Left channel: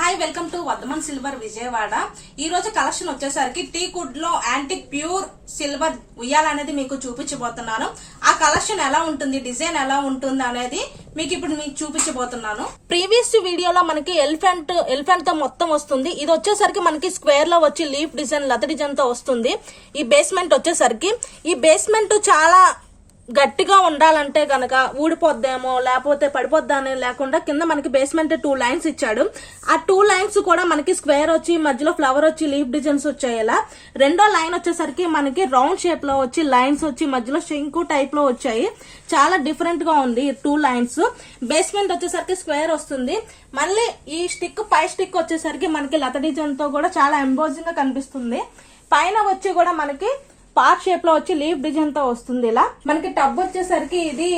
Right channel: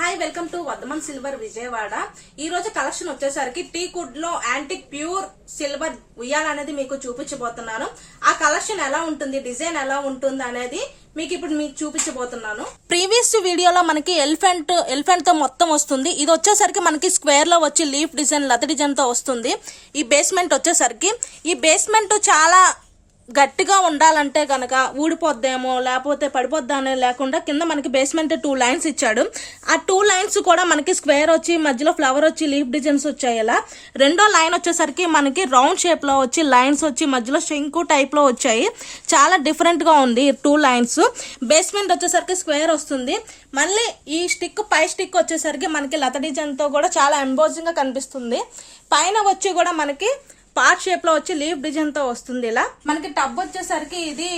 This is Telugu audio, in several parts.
Hi welcome to Vardhaman silver Vijayawada. ఈ రోజు కలెక్షన్ వచ్చేసరికి టీకుడ్ లో యాంటిక్ ప్యూర్ సిల్వర్ ఉయ్యాల అనేది మీకు చూపించబోతున్నాను. ఆ కలెక్షన్ ఎలా ఉంటుంది, డిజైన్ ఎలా ఉంటుంది అనేది మీకు ఇప్పుడు చూపించబోతున్నాను. ప్రీవియస్ వీడియోలో మనకి ఎలిఫెంట్ తో మొత్తం వస్తుంది. ఇది వచ్చేసరికి మనకి స్క్వేర్ లో వచ్చి లీఫ్ డిజైన్, లత డిజైన్ తో వస్తుంది. ఈ బేస్మెంట్ వచ్చేసరికి ఈ బేస్మెంట్ చాలా గట్టిగా ఉండాలంటే గనక ఊడిపోద్దేమో లేకపోతే పడిపోద్దా అని లేకుండా కింద మనకి బేస్మెంట్ 2 లైన్స్ ఇచ్చాడు. ఆ 2 లైన్స్ కూడా మనకి స్క్వేర్ వచ్చి మధ్యలో ఫ్లవర్ వచ్చి లీఫ్ డిజైన్స్ వచ్చాయి. ఇలా రెండో లైన్ వచ్చేసరికి మనకి రౌండ్ షేప్ లో వచ్చి లైన్స్ వచ్చి మధ్యలో శంకు టైప్ లో వచ్చాయి. చాలా డిఫరెంట్ గా ఉంది 2 లైన్స్. బేస్మెంట్ వచ్చేసరికి స్క్వేర్ వస్తుంది. మళ్ళీ ఈ స్టిక్ పై స్టిక్ వచ్చేసరికి మనకి లత డిజైన్ తో కూడా చాలా ఎంబోజింగ్ గా కనిపిస్తుంది. పైన వచ్చి కూడా మనకి పార్ట్ షేప్ లో వచ్చి లీఫ్ డిజైన్ తో వస్తుంది. ఇలా మనకి టబ్ వచ్చేసరికి ఇది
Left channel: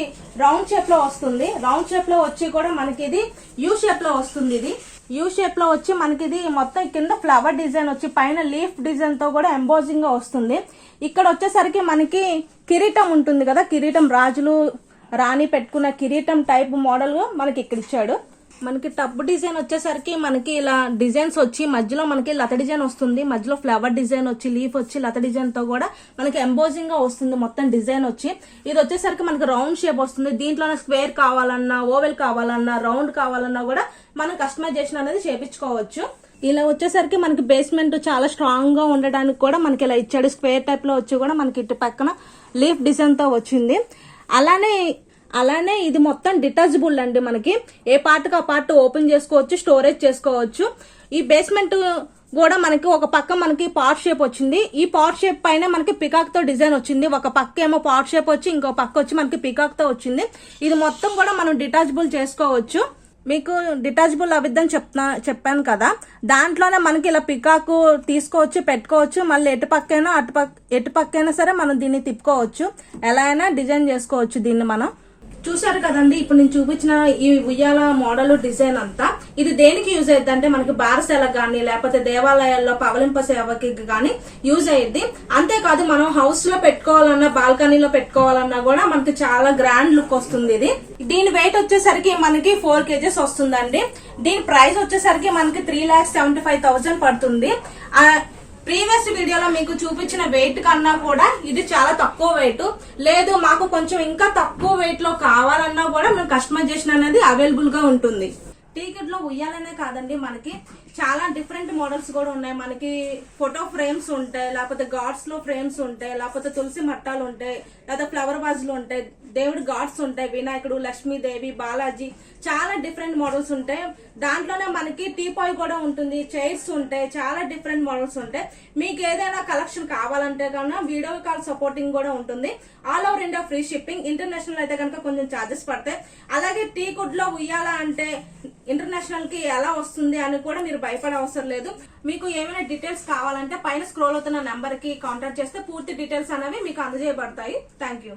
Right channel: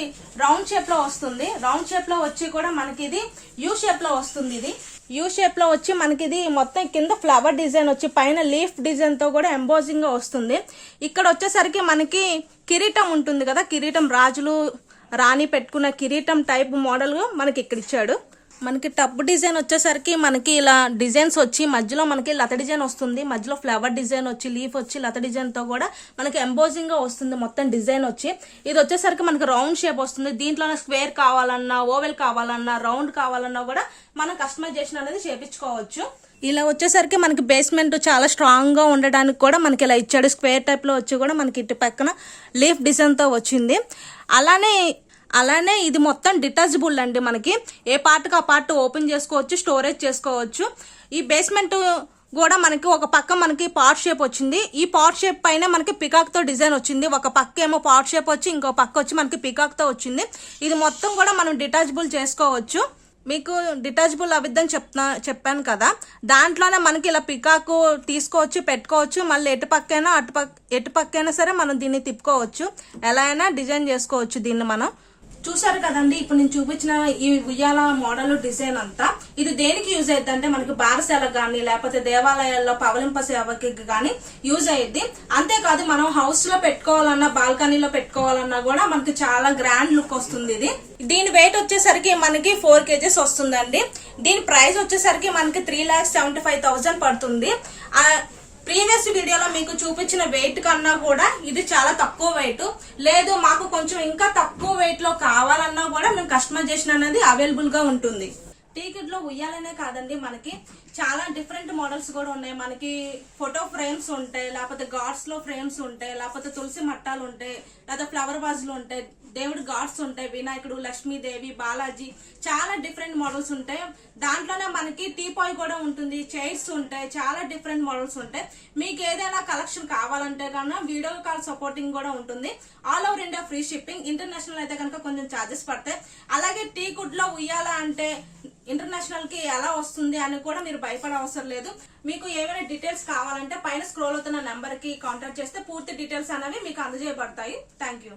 రౌండ్ షేప్ లో వస్తుంది. రౌండ్ షేప్ లో వచ్చి కూడా మనకి ఇది యూ షేప్ లో వస్తుంది. ఇది యూ షేప్ లో వచ్చి మనకి ఇది మొత్తం కింద ఫ్లవర్ డిజైన్ వచ్చి పైన లీఫ్ డిజైన్ తో కూడా ఎంబోజింగ్ గా వస్తుంది. ఇక్కడ వచ్చేసరికి మనకి కిరీటం ఉంటుంది కదా, కిరీటం రాజులు రాణి పెట్టుకున్న కిరీటం టైప్ మోడల్ మనకి ఇక్కడ ఇచ్చాడు. మనకి టబ్ డిజైన్ వచ్చేసరికి మనకి ఇలా డిజైన్స్ వచ్చి మధ్యలో మనకి లత డిజైన్ వస్తుంది. మధ్యలో ఫ్లవర్ డిజైన్ వచ్చి లీఫ్ వచ్చి లత డిజైన్ తో కూడా మనకి ఎంబోజింగ్ గా వస్తుంది. మొత్తం డిజైన్ వచ్చి ఇది వచ్చేసరికి మనకి రౌండ్ షేప్ వస్తుంది. దీంట్లో స్క్వేర్ కావాలన్నా, ఓవెల్ కావాలన్నా, రౌండ్ కావాలన్నా కూడా మనం కస్టమైజేషన్ అనేది చేపించుకోవచ్చు. ఇలా వచ్చేసరికి మనకి బేస్మెంట్ చాలా స్ట్రాంగ్ గా ఉండడానికి కూడా మనకి ఇలా ఇచ్చాడు. స్క్వేర్ టైప్ లో వచ్చి కూడా మనకి ఇటు పక్కన లీఫ్ డిజైన్ తో వచ్చింది. అలానే ఇది మొత్తం డిటాచబుల్ అండి. మనకి ఏ పార్ట్కి ఆ పార్ట్ ఓపెన్ చేసుకోవచ్చు, స్టోరేజ్ చేసుకోవచ్చు. ఈ బేస్మెంట్ కూడా మనకి ఒక పక్క మనకి పార్ట్ షేప్ వచ్చింది. ఈ పార్ట్ షేప్ పైన మనకి పికాక్ తో డిజైన్ వచ్చింది. ఒక పక్క ఏమో పార్ట్ షేప్ వచ్చి ఇంకో పక్క వచ్చి మనకి పికాక్ తో వచ్చింది. ఇది మొత్తం కూడా మనం డిటాచబుల్ చేసుకోవచ్చు. మీకు డిటాచబుల్ అవిద్దని చెప్పాను కదా, దాంట్లోనే మనకి ఇలా పికాకు తీసుకోవచ్చు, పెట్టుకోవచ్చు. మళ్ళీ ఎటు పక్కైనా సరే మనం దీన్ని తిప్పుకోవచ్చు. ఎలా అయినా డిజైన్ చేసుకోవచ్చు దీన్ని మనం. చూసారు కదండి, ఇప్పుడు నేను చూపించిన ఈ ఉయ్యాల మోడల్ డిజైన్ అంతా ఇది దేనికి యూజ్ అయ్యింది అంటే మనకి బారసేలకు కానీ లేకపోతే దేవాలయాల్లో పవలింప సేవకి కానీ యూజ్ అయ్యింది. అంతేకాదు మనం హౌస్ లో పెట్టుకోవాలన్నా, బాల్కనీలో పెట్టుకోవాలన్నా కూడా మనకి చాలా గ్రాండ్ లుక్ వస్తుంది. దీని వెయిట్ వచ్చేసరికి మనకి 4 kgs వస్తుందండి. దీని ప్రైస్ వచ్చేసరికి మనకి 3,75,000 పడుతుంది. ప్రీవియస్ వీడియోలో మీకు చూపించిన వెయిట్ కన్నా కూడా ఇది చాలా తక్కువ వెయిట్. లేదు మాకు కొంచెం ఇంకా తక్కువ వెయిట్ లో కావాలన్నా కూడా మనం కస్టమైజేషన్ అనేది అవైలబుల్ గా ఉంటుంది. టీకుడ్ లో ఉయ్యాలనే కాదండి, మనకి చాలా డిఫరెంట్ మోడల్స్ కూడా ఉన్నాయి. మనకి ఫోటో ఫ్రేమ్స్ ఉంటాయి, లేకపోతే గాడ్స్ లో ఫ్రేమ్స్ ఉంటాయి, లేకపోతే తులసి మట్టాలు ఉంటాయి, లేదా ఫ్లవర్ వాజులు ఉంటాయి, దేవుడి గాడ్స్ ఉంటాయి, వినాయకుడు, లక్ష్మీదేవి, బాలాజీ, చాలా డిఫరెంట్ మోడల్స్ ఉంటాయి. దాంట్లోనే మనకి టీపాయ్ కూడా ఉంటుంది, చైర్స్ ఉంటాయి, చాలా డిఫరెంట్ మోడల్స్ ఉంటాయి. మీకు ఏదైనా కలెక్షన్ కావాలంటే కన్నా వీడియో కాల్ సపోర్టింగ్ కూడా ఉంటుంది. All over India free shipping. International అయితే కనుక కొంచెం ఛార్జెస్ పడతాయి. అలాగే టీకుడ్ లో ఉయ్యాల అంటే ఇంటర్నేషనల్ కి ఎలా వస్తుంది అని కూడా మీరు భయపడే అవసరం లేదు. మీకు ఏమైనా డీటెయిల్స్ కావాలంటే పైన స్క్రోల్ అవుతున్న నెంబర్ కి కాంటాక్ట్ చేస్తే పూర్తి డీటెయిల్స్ అనేవి మీకు అందజేయబడతాయి. Thank you.